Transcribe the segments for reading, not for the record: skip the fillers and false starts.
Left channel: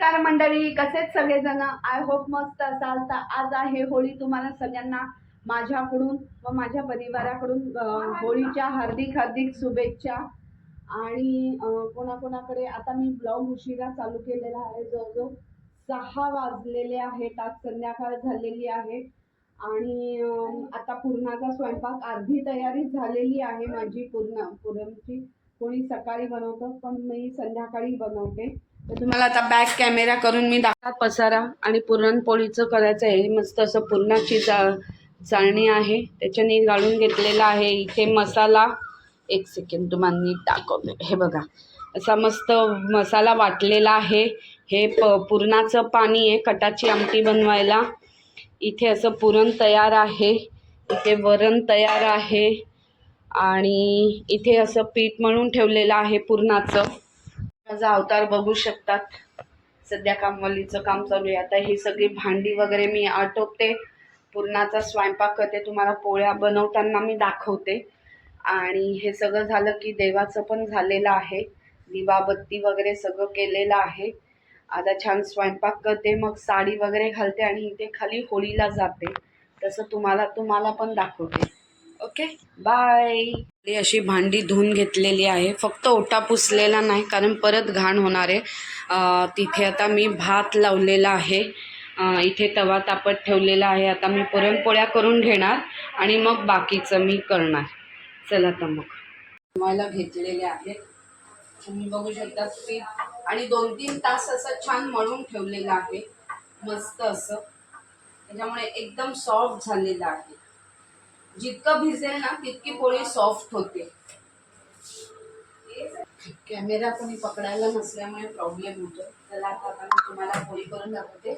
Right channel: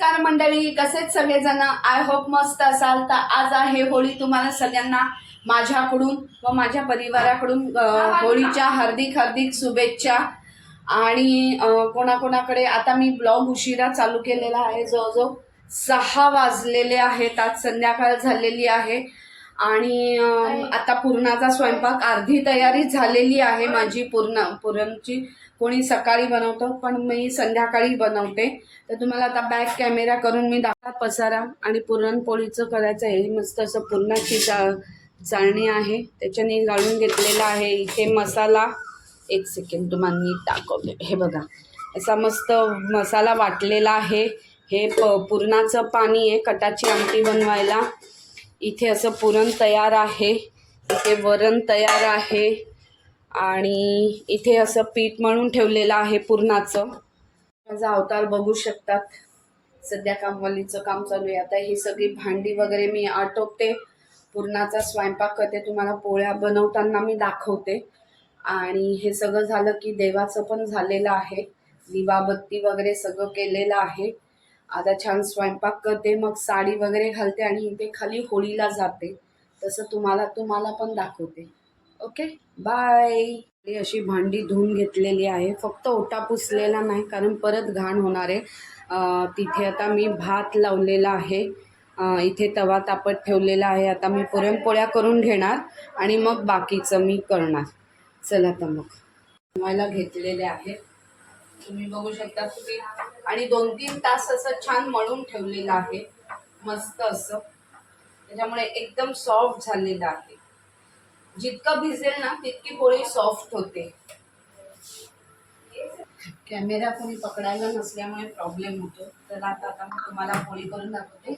नमस्कार मंडळी, कसेच सगळेजण? आय होप मस्त असाल. तर आज आहे होळी. तुम्हाला सगळ्यांना माझ्याकडून व माझ्या परिवाराकडून होळीच्या हार्दिक हार्दिक शुभेच्छा. आणि कोणाकोणाकडे आता मी ब्लॉग उशिरा चालू केलेला आहे. जवळजवळ 6 वाजलेले आहेत. आज संध्याकाळ झालेली आहे आणि आता पुरणाचा स्वयंपाक अर्धी तयारी झालेली आहे माझी. पुरणची कोणी सकाळी बनवतं, पण मी संध्याकाळी बनवते. तर तुम्हाला आता बॅक कॅमेरा करून मी पसारा आणि पुरणपोळीचं करायचं आहे. मस्त असं पुरणाची चाळणी आहे, त्याच्याने गाळून घेतलेला आहे. इथे मसाला, एक सेकंड तुम्हाला नीट दाखवते. हे बघा, असा मस्त मसाला वाटलेला आहे. हे पुरणाचं पाणी आहे कटाची आमटी बनवायला. इथे असं पुरण तयार आहे, इथे वरण तयार आहे आणि इथे असं पीठ मळून ठेवलेलं आहे पुरणाचं. माझा अवतार बघू शकतात. सध्या कामवालीचं काम चालू आहे. आता ही सगळी भांडी वगैरे मी आटोपते, पुरणाचा स्वयंपाक करते, तुम्हाला पोळ्या बनवताना मी दाखवते. आणि हे सगळं झालं की देवाचं पण झालेलं आहे, दिवाबत्ती वगैरे सगळं केलेलं आहे. आता छान स्वयंपाक करते, मग साडी वगैरे घालते आणि इथे खाली होळीला जाते. तसं तुम्हाला पण दाखवते. Okay, bye. अशी भांडी धुवून घेतलेली आहे, फक्त ओटा पुसलेला नाही कारण परत घाण होणार आहे. तिथे आता मी भात लावलेला आहे, इथे तवा तापत ठेवलेला आहे. आता मी पुरणपोळ्या करून घेणार आणि मग बाकीचं मी करणार. चला आता मग बनवायला घेतलेले आहेत, तुम्ही बघू शकता की. आणि 2-3 तास असं छान मळून ठेवलेलं आहे मस्त असं, त्याच्यामुळे एकदम सॉफ्ट झालेलं आहे. जितकं भिजेल ना तितकी पोळी सॉफ्ट होते. कॅमेरा कोणी पकडायला नसल्यामुळे प्रॉब्लेम होतो. तर आता मी तुम्हाला पोळी करून दाखवते.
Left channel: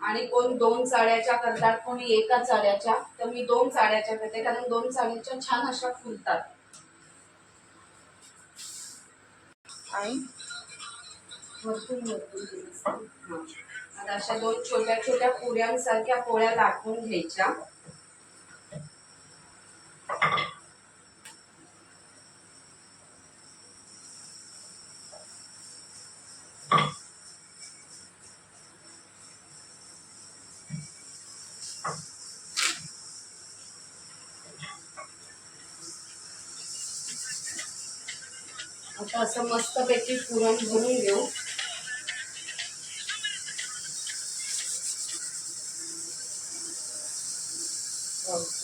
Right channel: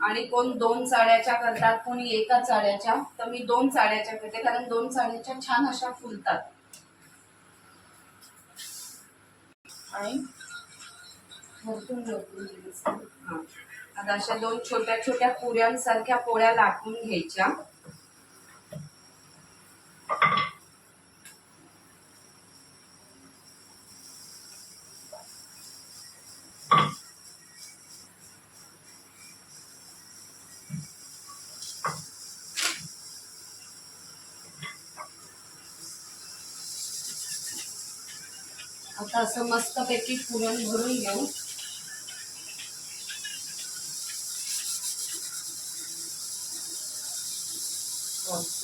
आणि कोण 2 चाळ्याच्या करतात, कोणी 1 चाळ्याच्या. तर मी 2 चाळ्याच्या करते कारण 2 चाळ्याच्या छान अशा फुलतात. आणि वरतून आता अशा 2 छोट्या छोट्या पुऱ्यांसारख्या पोळ्या लाटून घ्यायच्या. आता असं मस्तपैकी पुरण भरून घेऊ.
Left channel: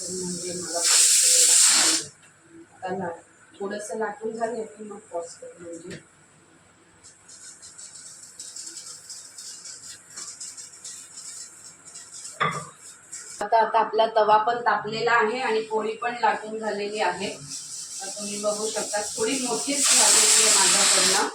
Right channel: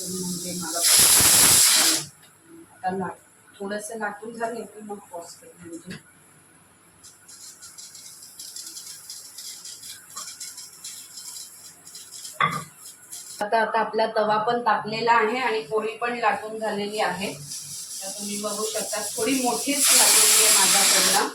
म्हणजे मला आता थोडंसं लाटून झाले की मग पॉज करू. म्हणजे आता आपला तवा पण तापलेला आहे आणि पोळी पण लाटून झालेली आहे. तर तुम्ही बघू शकता थोडी मोठीच झालेली आहे माझ्याकडनं.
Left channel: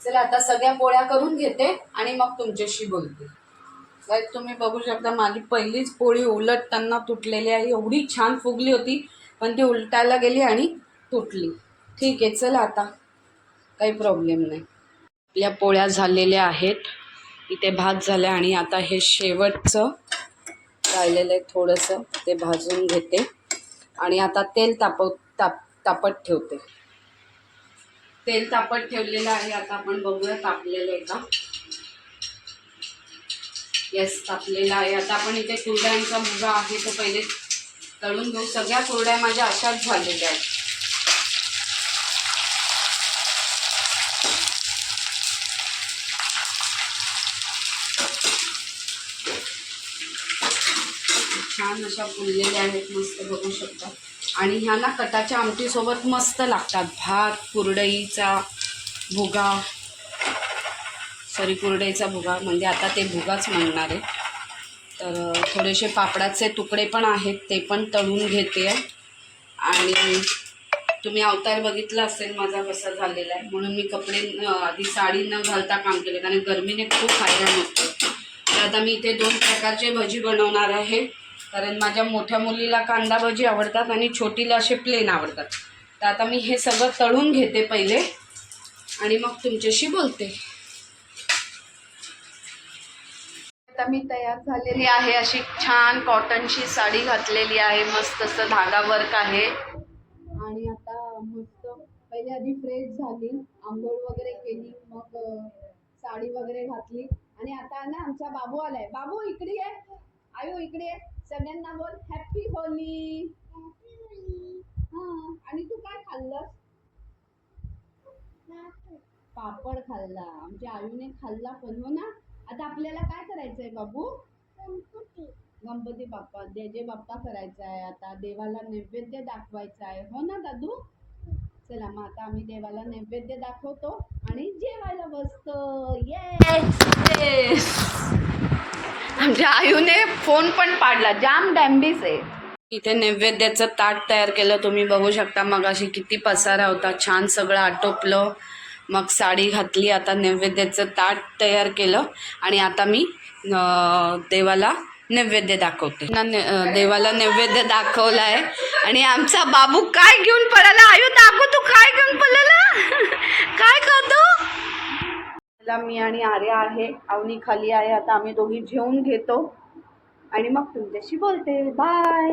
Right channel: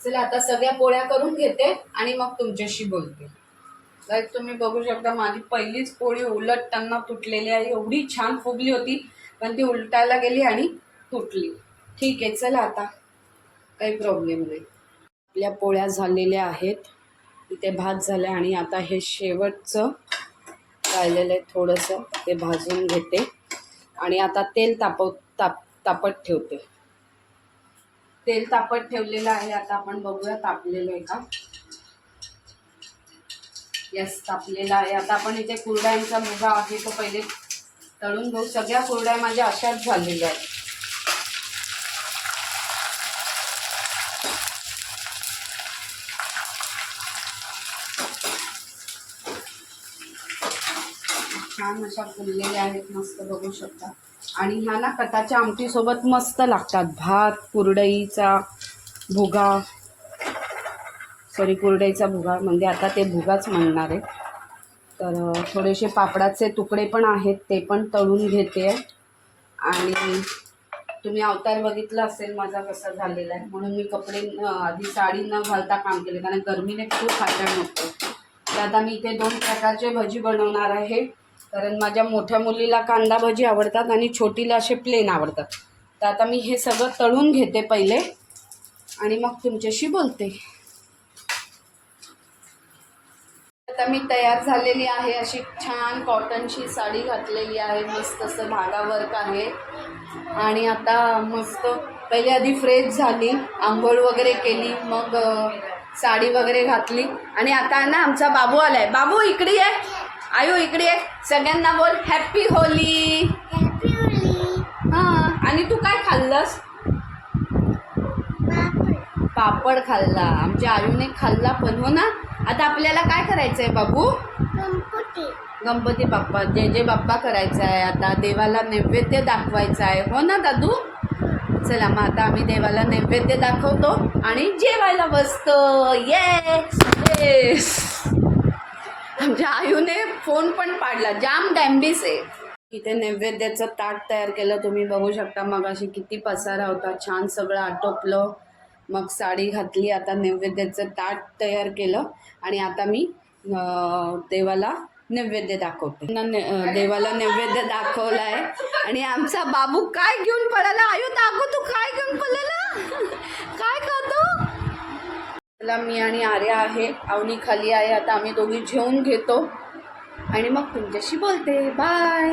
चला आता सगळ्या पोळ्या करून घेते आणि मग तुमच्याशी बोलते. गाईस तुम्ही बघू शकता माझी पहिलीच पोळी उलटताना तुटलेली आहे. एवढी छान फुगली होती पण ती उलटायला गेली आणि तुटली. ठीक आहे, चला आता काही प्रॉब्लेम नाही. आपल्या पोळ्या झालेल्या आहेत, इथे भात झाले आणि आता हे शेवटचं राहिलेलं आहे थोडंसं, ते भाजून घेते आणि आता तेल तापत ठेवते. तेल तापत ठेवलेलं आहे. आता आपण बघूया तापलेलं आहे का. यस, तापलेला आहे. आता आपण इथे कुरड्यांचा भुगा आहे तो पहिले तळून घेऊ. सगळ्या कुरड्या माझ्या अशाच झालेल्या आहेत. छान अशा फुललेल्या आहेत, मस्त बघू शकता. आणि ह्या ना कटाच्या आमटीसोबत मस्त लागतात. भात, कुरडईचा भुगा, कुरडईचा भुगा म्हणजे आता ते भुगाच म्हणणार आहे. तर थोडेसे पापडाचे तुकडे पण आहेत, ते पण तळून घेते. आणि तुम्ही अवतार बघितला असेल माझा कसा झालेला आहे, म्हणून मी कपडे आधी साडी न घालता काम केले कारण गरमीने खूप हैराण होतो. तर आता मी इथे 2 प्रकारचे भजी बनवणार आहे कारण माझ्या मोठ्या मुलीला कांदा भजी आवडतात आणि छोटीला असे प्लेन आवडतात. तर आता मी हे सगळं तळून घेते पहिले आणि मग तुमच्याशी बोलते. आता मी तयार झालेली आहे. अशी छान कॉटनची साडी घातलेली आहे. मस्त असं धागा वर्क आहे. आणि आता मस्त पहिले आधी फ्रेश झाली, आंघोळ वगैरे केली, मग साडी वगैरे घातली. आणि आता ना आमचा बाबू आलाय. बाबू इकडे आहे. आयू इकडे आहे. सगळ्यांना बोल हॅपी होली. हां. आणि तू काय खाल्लंस? पापड खाल्ला. आमच्या आयूने खाल्ला पण, हो ना. आता आपल्याला काय करायचं आहे बाबू? गणपती बाप्पा, जय जय बाप्पा करायचा आहे. आता देवाला नैवेद्य दाखवायचा आहे, हो ना दादू. चला मग आता आम्ही देवाला नैवेद्य दाखवतो आणि जेवायला बसतो. येस. आमच्या आयूने फोन पण पाडला. जाम डॅम्बिस आहे. इथे नैवेद्याचं ताट तयार केलं, तुम्ही बघू शकता. मग अशी किती पसारा होता, छान सगळं आटोपलं. मग साडी घातली. आता नैवेद्याचं ताट तयार केलं आणि आता मी देवाला नैवेद्य दाखवते. देवाला नैवेद्य दाखवला आहे. आणि आमचा बाबू काय घेऊन पळाला? आयु दाखव, तू काय घेऊन पळाला? काय खातो? मला मी आणि आर्या आहे, अवनी खाली आहे. आता आम्ही दोघी जेवून घेतो आणि मग तुमच्याशी बोलते. बाय.